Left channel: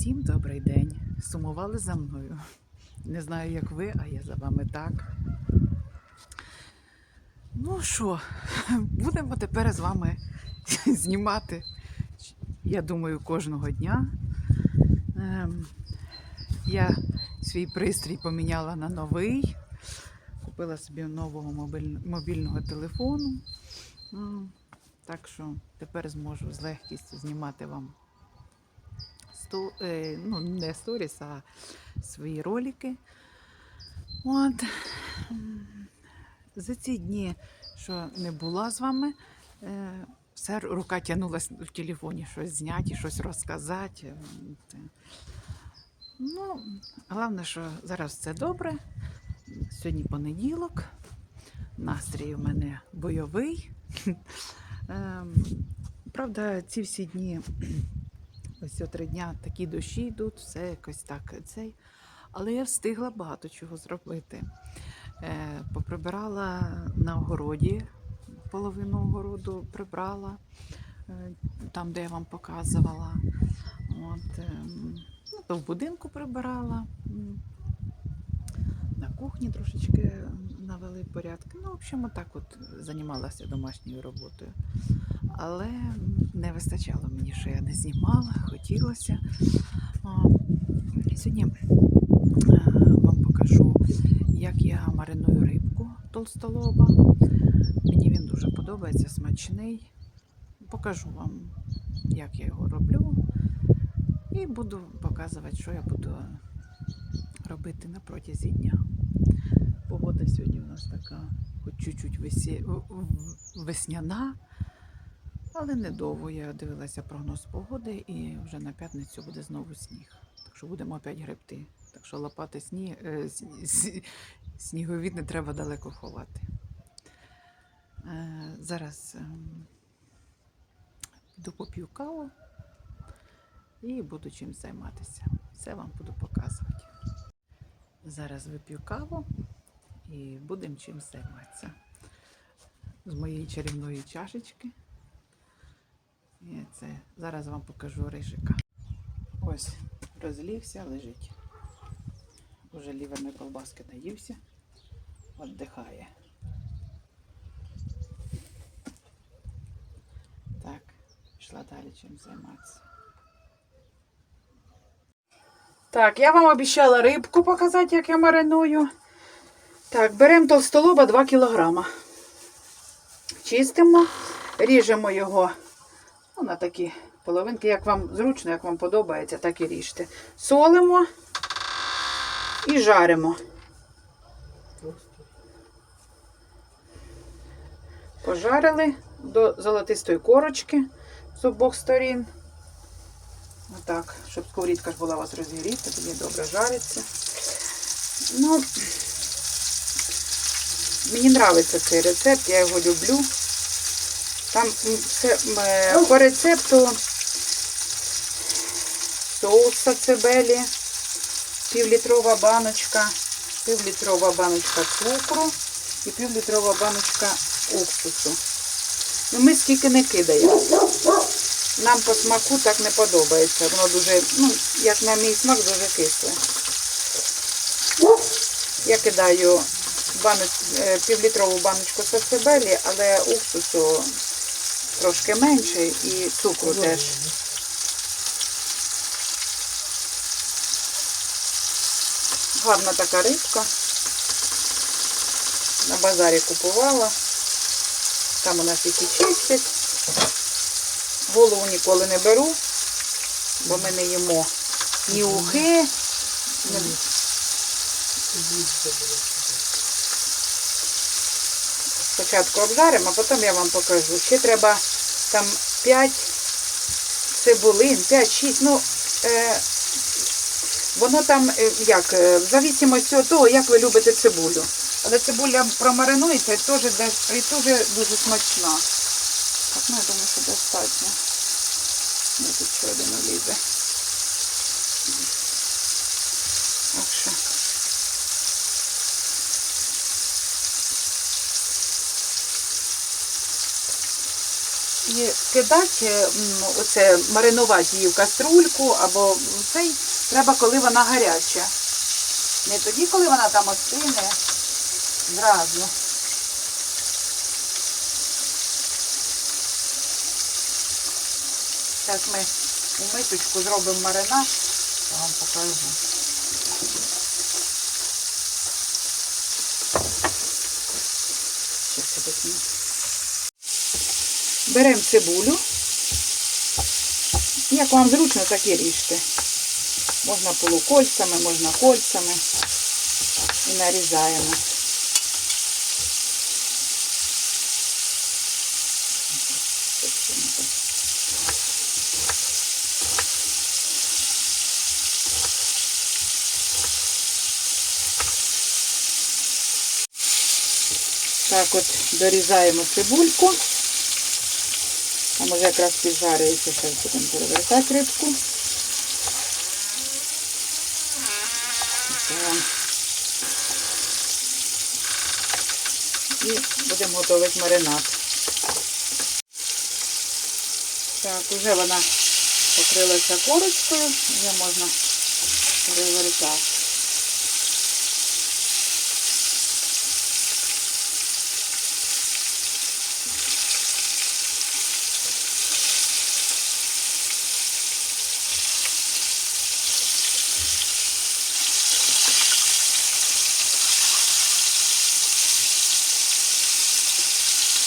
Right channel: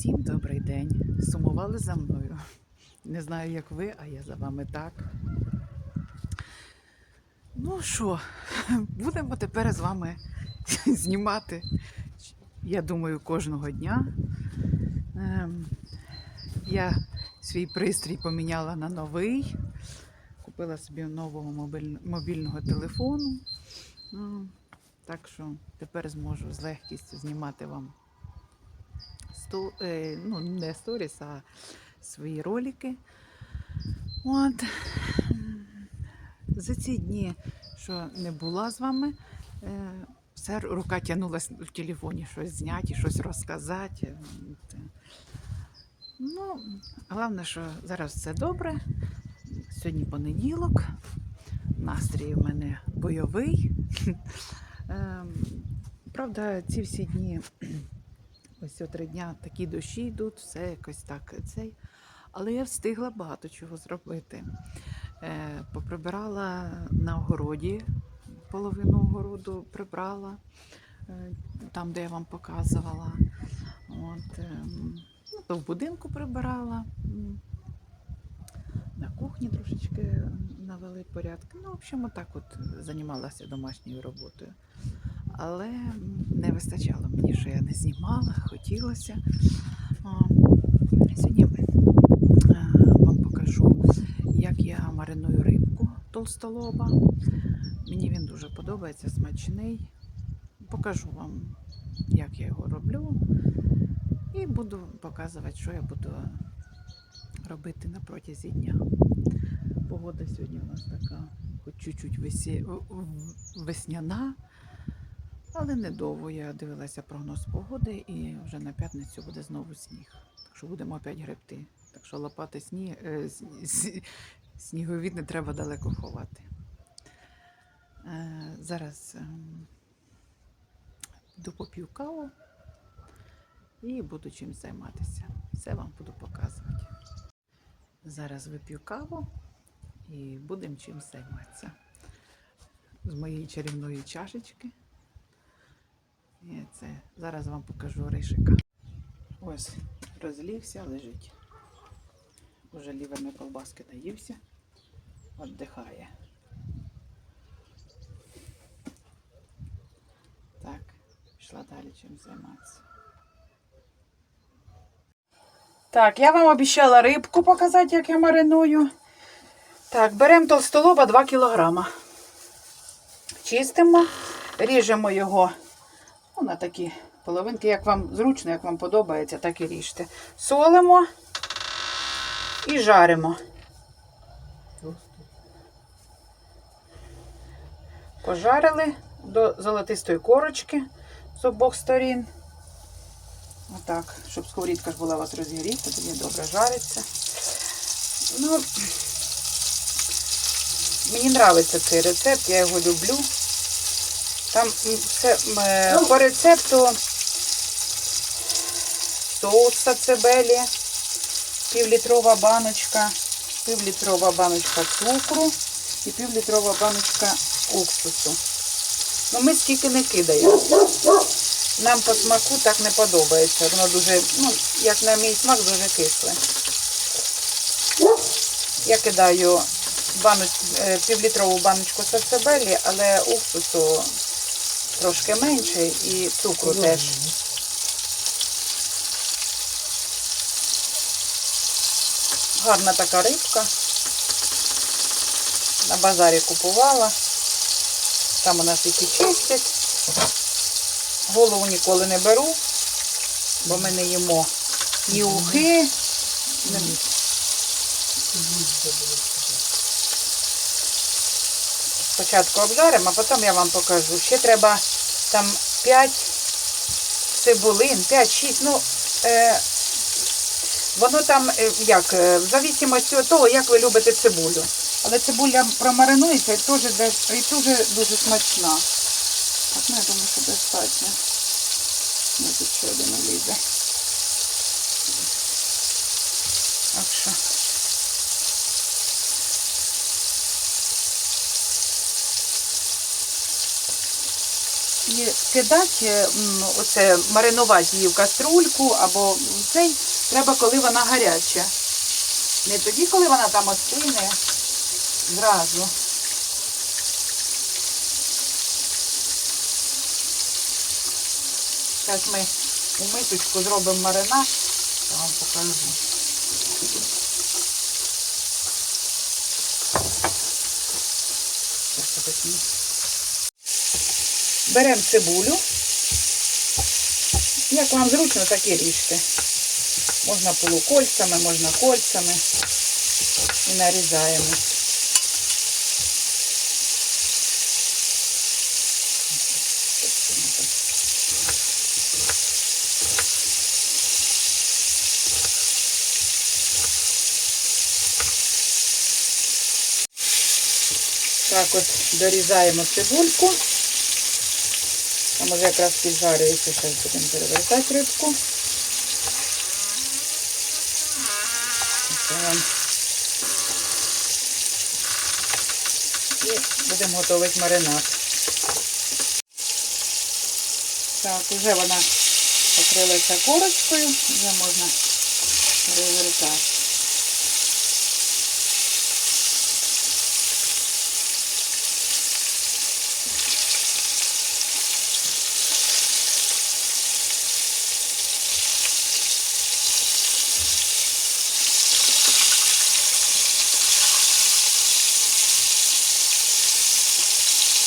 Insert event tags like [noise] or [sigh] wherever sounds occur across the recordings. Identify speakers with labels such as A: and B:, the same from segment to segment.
A: Всім добрий день. Сумували за мною. Не знаю, як ви, а я за вами так. Ну що, [laughs] будемо тепер з вами [laughs] знімати, я думаю, кожного дня. Ем, Я свій пристрій поміняла на новий. Купила собі нового мобіль- мобільного телефону. Ну, Так що тепер зможу з легкістю знімати вам сто, е, ну, не сторіс, а свої ролики. От. За ці дні, що не була з вами, е, все рука тягнулася в телефоні щось зняти, щось розказати. Ну, головне, що зараз все добре. Сьогодні понеділок. Настрій у мене бойовий. Ем, Правда, ці всі дні, ось три дня такі дощі йдуть, все якось так цей. Але я встигла багато чого зробити. Е, Поприбирала на огороді, половину огороду прибрала, е, там, де я вам показувала. От, ем, ну, в будинку прибирала. На кухні трошечки навели порядки. Ну, в общем, отак от займалася домашньою роботою. Але не вистачало мені, що я не знімала, хотілося. Сьогодні е, вам покажу, як я мариную рибку толстолоба. Мені він дуже подобається, смачний. Покажу вам, як я його роблю. І буду показувати, що я буду робити на протязі дня. Погода сьогодні у нас така, хоч чуть-чуть весі... весняна, але недовго. Я дивилася прогноз погоди і вже на п'ятницю буде знову сніг. Так що будемо опять гребти. Так що лопати е, сні- сні- сніговід не треба далеко ховати. Е, зараз ем, піду поп'ю каву і буду чим займатися. Все вам буду показувати. Зараз вип'ю каву і будемо чим займатися. З моєї чарівної чашечки. І це зараз вам покажу ришика. Ось розлівся, лежить. Уже ліверної колбаски наївся, віддихає. Так, пішла далі чим займатися. Так, я вам обіцяла рибку показати, як я мариную. Так, беремо толстолоба 2 кілограма. Чистимо, ріжемо його ну, на такі половинки, як вам зручно, як вам подобається, так і ріжте. Солимо і жаримо. Пожарили до золотистої корочки з обох сторін. Отак, щоб сковорідка ж була у вас розігріта, тоді добре жариться. Ну, мені подобається цей рецепт, я його люблю. Там все е, по рецепту соуса цибелі, півлітрова баночка, півлітрова баночка цукру і півлітрова баночка уксусу. Ну, ми скільки не кидаємо. Нам по смаку так не подобається. Воно дуже, ну, як на мій смак, дуже кисле. Я кидаю півлітрову баночку сацебелі, але уксусу трошки менше і цукру теж. Гарна така рибка. На базарі купувала. Там у нас які чистять. Голову ніколи не беру, бо ми не їмо ні ухи. ні- Спочатку обжаримо, а потім я вам покажу. Ще треба там 5 цибулин, 5-6, ну, е, воно там, е, як, е, в зависимості від того, як ви любите цибулю. Але цибуля промаринується і теж, і теж дуже смачна. Так, ну, я думаю, що достатньо. Ну, тут ще один лізе. Так що. Її кидати, оце маринувати її в каструльку або цей, треба, коли вона гаряча. Не тоді, коли вона там остине, зразу. Зараз ми у мисочку зробимо маринад, я вам покажу. Беремо цибулю. Як вам зручно, так і ріжте. Можна полукольцями, можна кольцями. І нарізаємо. Так от дорізаємо цибульку. Там уже якраз піджарюється, зараз будемо перевертати рибку. І будемо готувати маринад. Так, вже вона покрилася корочкою, вже можна перевертати.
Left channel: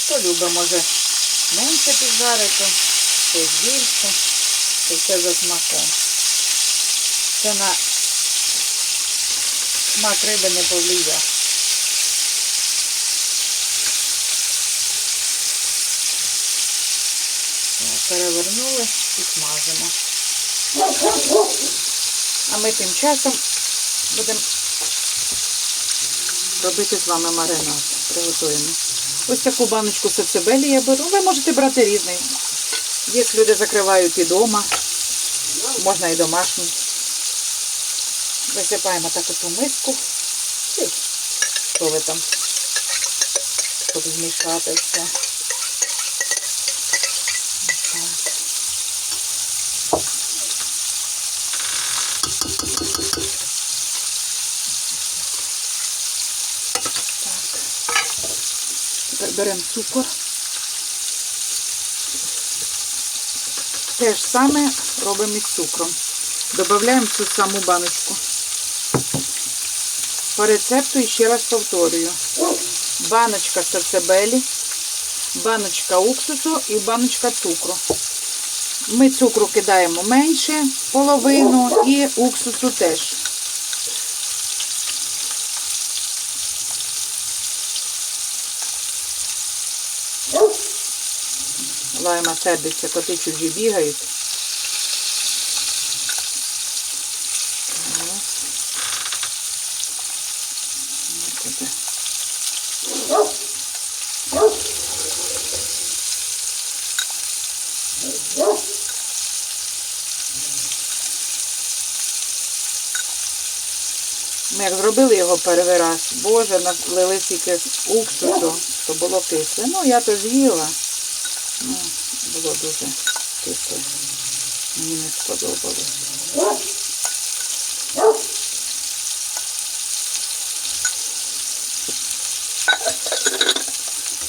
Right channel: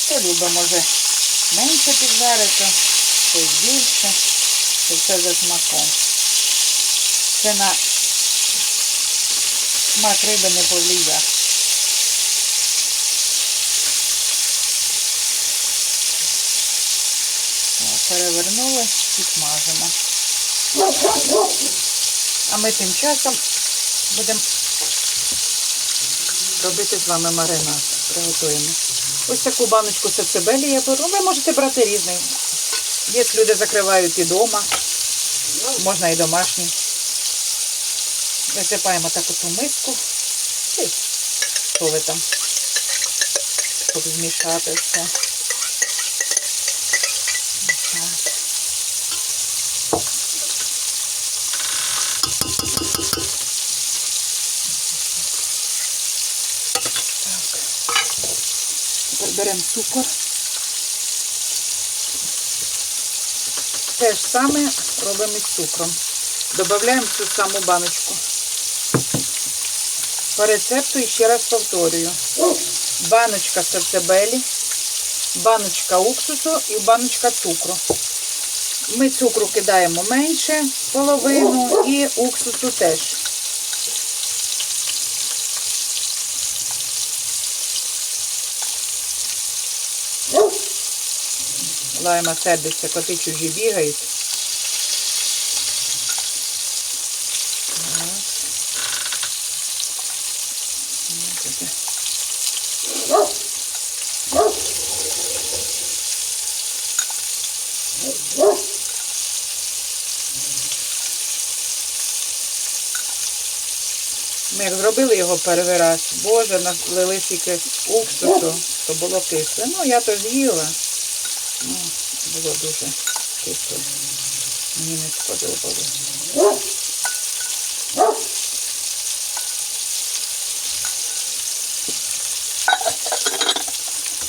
A: Хто любить, може менше піджарити, хтось більше. Це все за смаком. Це на смак риби не повлияє. Перевернули і смажимо. А ми тим часом будемо робити з вами маринад. Приготуємо. Ось таку баночку сацебелі я беру. Ви можете брати різний. Є люди закривають і вдома. Можна і домашній. Висипаємо так ось миску. І там? Щоб змішати все. Беремо цукор. Те ж саме робимо із цукром. Додаємо цю саму баночку. По рецепту ще раз повторюю. Баночка сацебелі, баночка уксусу і баночка цукру. Ми цукру кидаємо менше половину і уксусу теж. Лайма сердиться, коти чужі бігають. Ми як зробили його перший раз, боже, налили тільки уксусу, то було кисле. Ну, я то з'їла. Ну, було дуже кисло. Мені не сподобалось.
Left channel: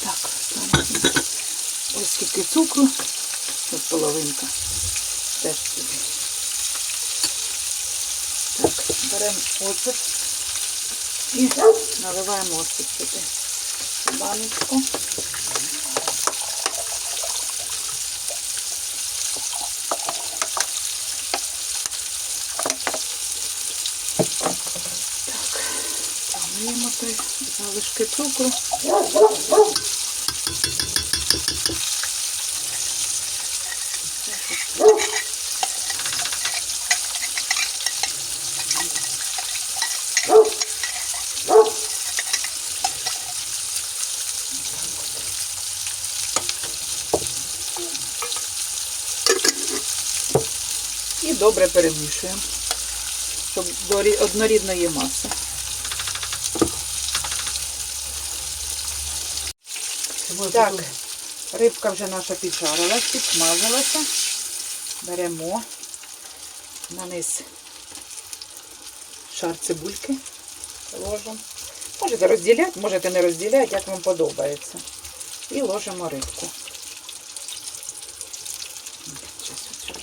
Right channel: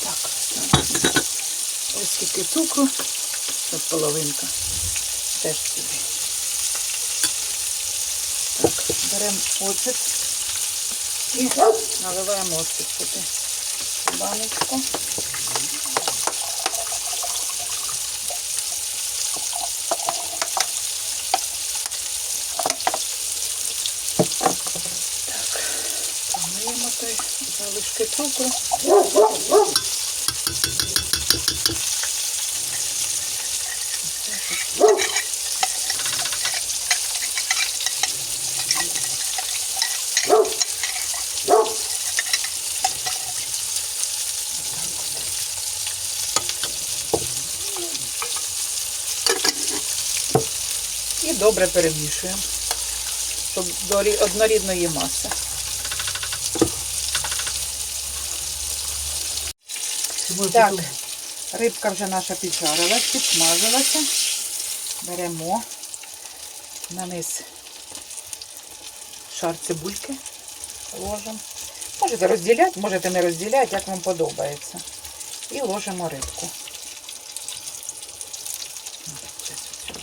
A: Так, ось скільки цукру. Ось половинка. Теж сюди. Так, беремо оцет і наливаємо оцет сюди. Баночку. Помиємо три залишки цукру. І добре перемішуємо, щоб до однорідної маси. Так, Рибка вже наша піджарилась, підсмажилася. Беремо на низ шар цибульки. Ложимо. Можете розділяти, можете не розділяти, як вам подобається. І ложимо рибку. Щас оце.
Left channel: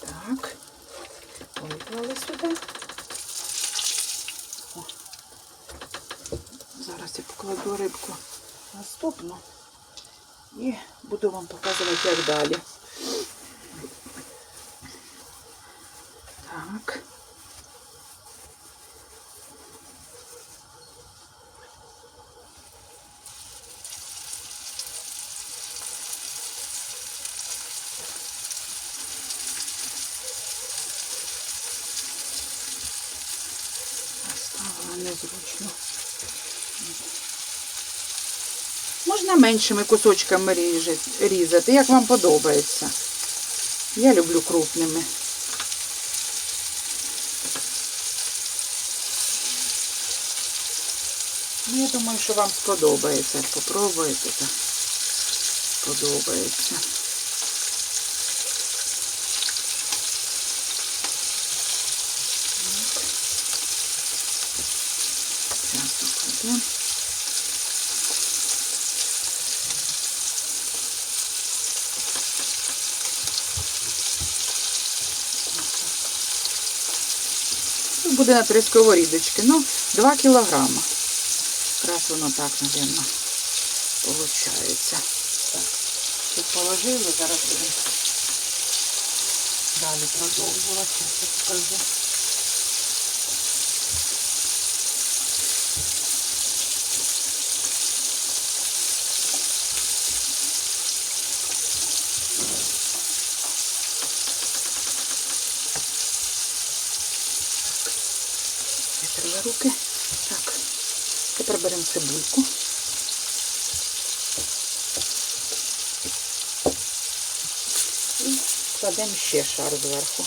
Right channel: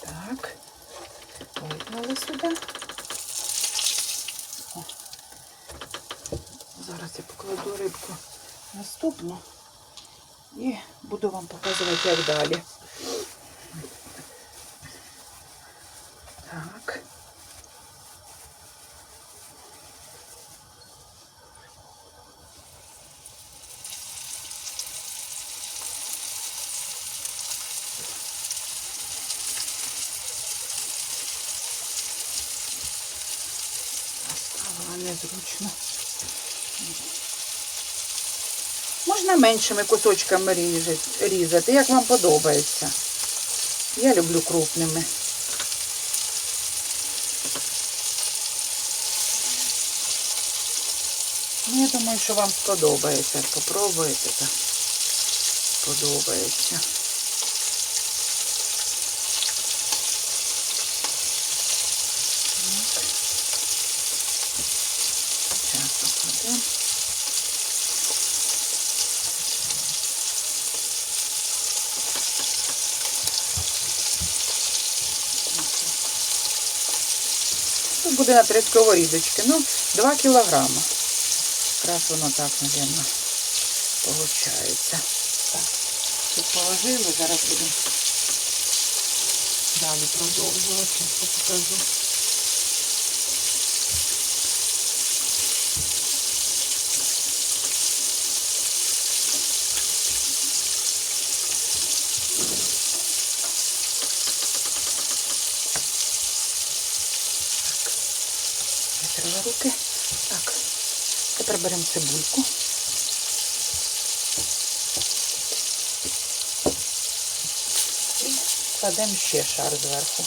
A: Так, виклали сюди. О. Зараз я покладу рибку наступну і буду вам показувати, як далі. Так. Ставила незручно. Можна меншими кусочками різати, як вам подобається. Я люблю крупними. Ну, я думаю, що вам сподобається. Попробуйте. то Сподобається. Зараз. Тут буде на три сковорідочки. Ну, 2 кілограма. Якраз воно так, мабуть, виходить. Так. Тут положили, зараз будемо далі продовжувати. Руки. Так. Тепер беремо цибульку. І кладемо ще шар зверху.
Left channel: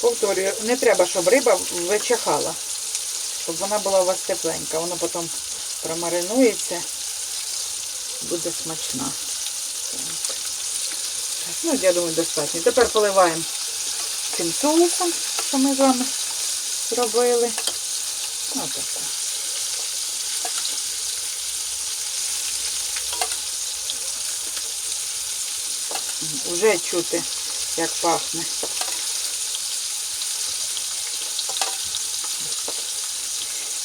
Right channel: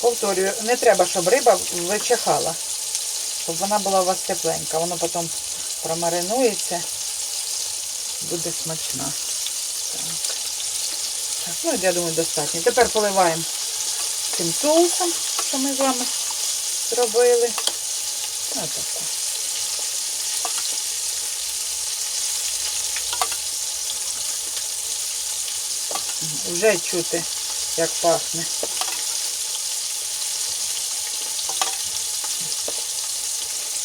A: Повторюю, не треба, щоб риба вичахала, щоб вона була у вас тепленька. Воно потім промаринується, буде смачна. Так. Ну, я думаю, достатньо. Тепер поливаємо цим соусом, що ми з вами зробили. Ось таку. Уже чути, як пахне.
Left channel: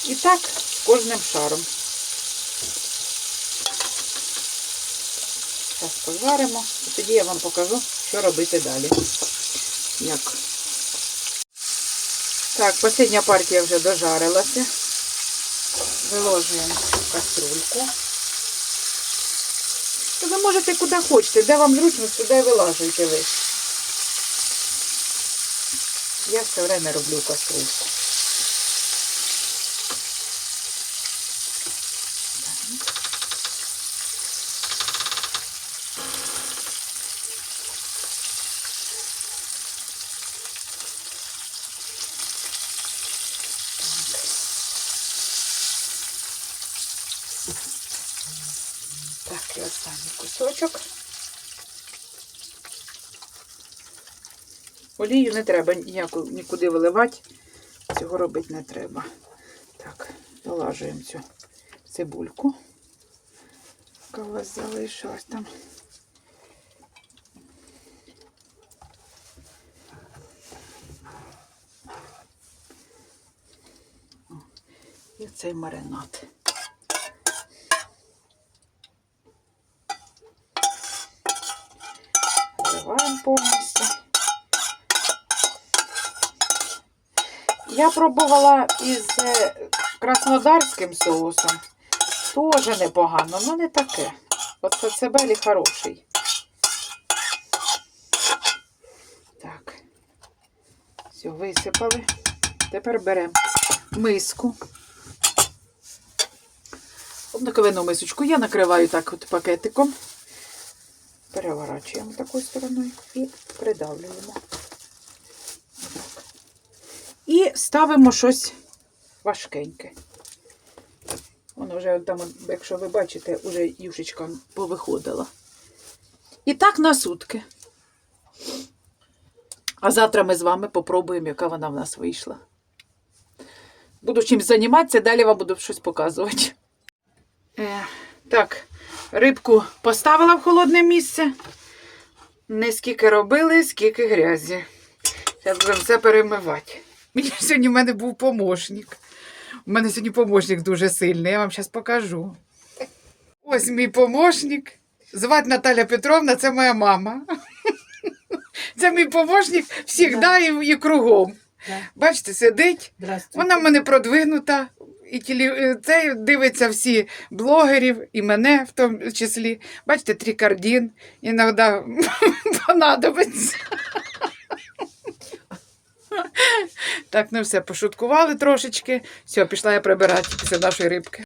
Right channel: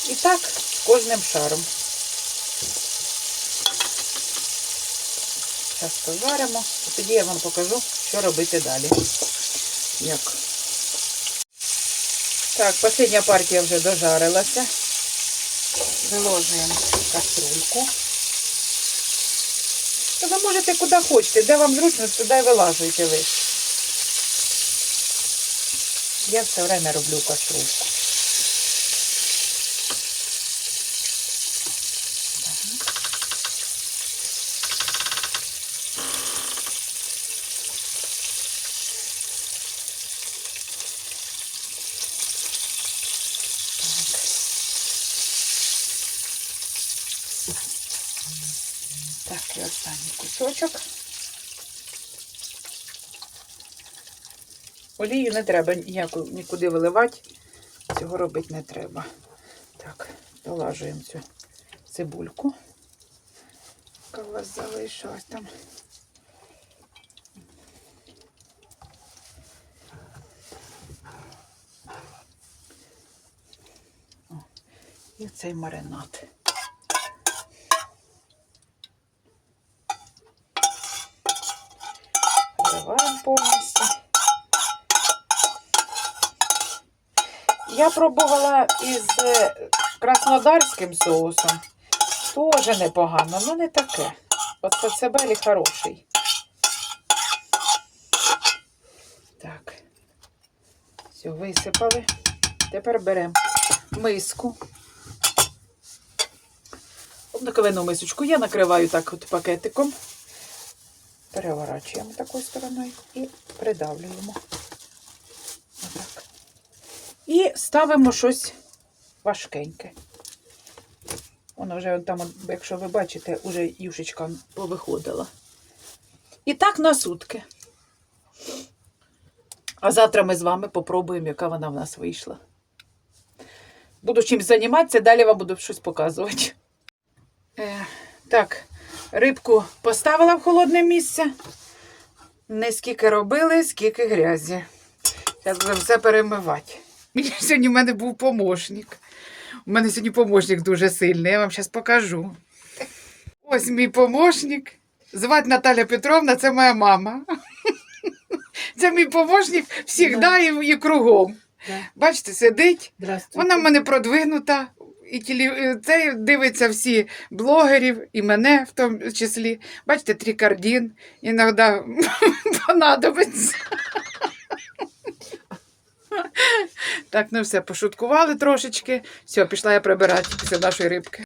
A: І так кожним шаром. Зараз поваримо, і тоді я вам покажу, що робити далі. Як. Так, остання партія вже дожарилася. Виложуємо каструльку. То ви можете куди хочете, де вам зручно, туди і вилажуєте ви. Я все время роблю каструльку. Так, і останній. Олію не треба ніяку нікуди виливати. Цього робити не треба. Так, долажуємо цю цибульку. Яка у вас залишилась там. І цей маринад. переливаємо повністю. Я пробувала із е, краснодарським соусом. Тоже непогано, але не таке. От сацебелі хороший. Так, все, висипали. Тепер беремо миску. Одну мисочку я накриваю так от пакетиком. Переворачуємо такою стороною і придавлюємо. Отак. І ставимо щось важкеньке. Воно вже там, якщо ви бачите, уже юшечка повиходила. І так на сутки. А завтра ми з вами попробуємо, яка вона в нас вийшла. Буду чимось займатися, далі вам буду щось показувати. Е, так, рибку поставила в холодне місце. Не скільки робили, скільки грязі. Зараз будемо все перемивати. [laughs] Мені сьогодні в мене був помощник. У мене сьогодні помощник дуже сильний, я вам зараз покажу. Ось мій помощник. Звати Наталя Петровна, це моя мама. [laughs] Це мій помощник завжди і, кругом. Бачите, сидить. Вона в мене продвинута. І тілі... е, це дивиться всі блогерів, і мене в тому числі. Бачите, трикардін іноді [laughs] понадобиться. Так, ну все, пошуткували трошечки. Все, пішла я прибирати після нашої рибки.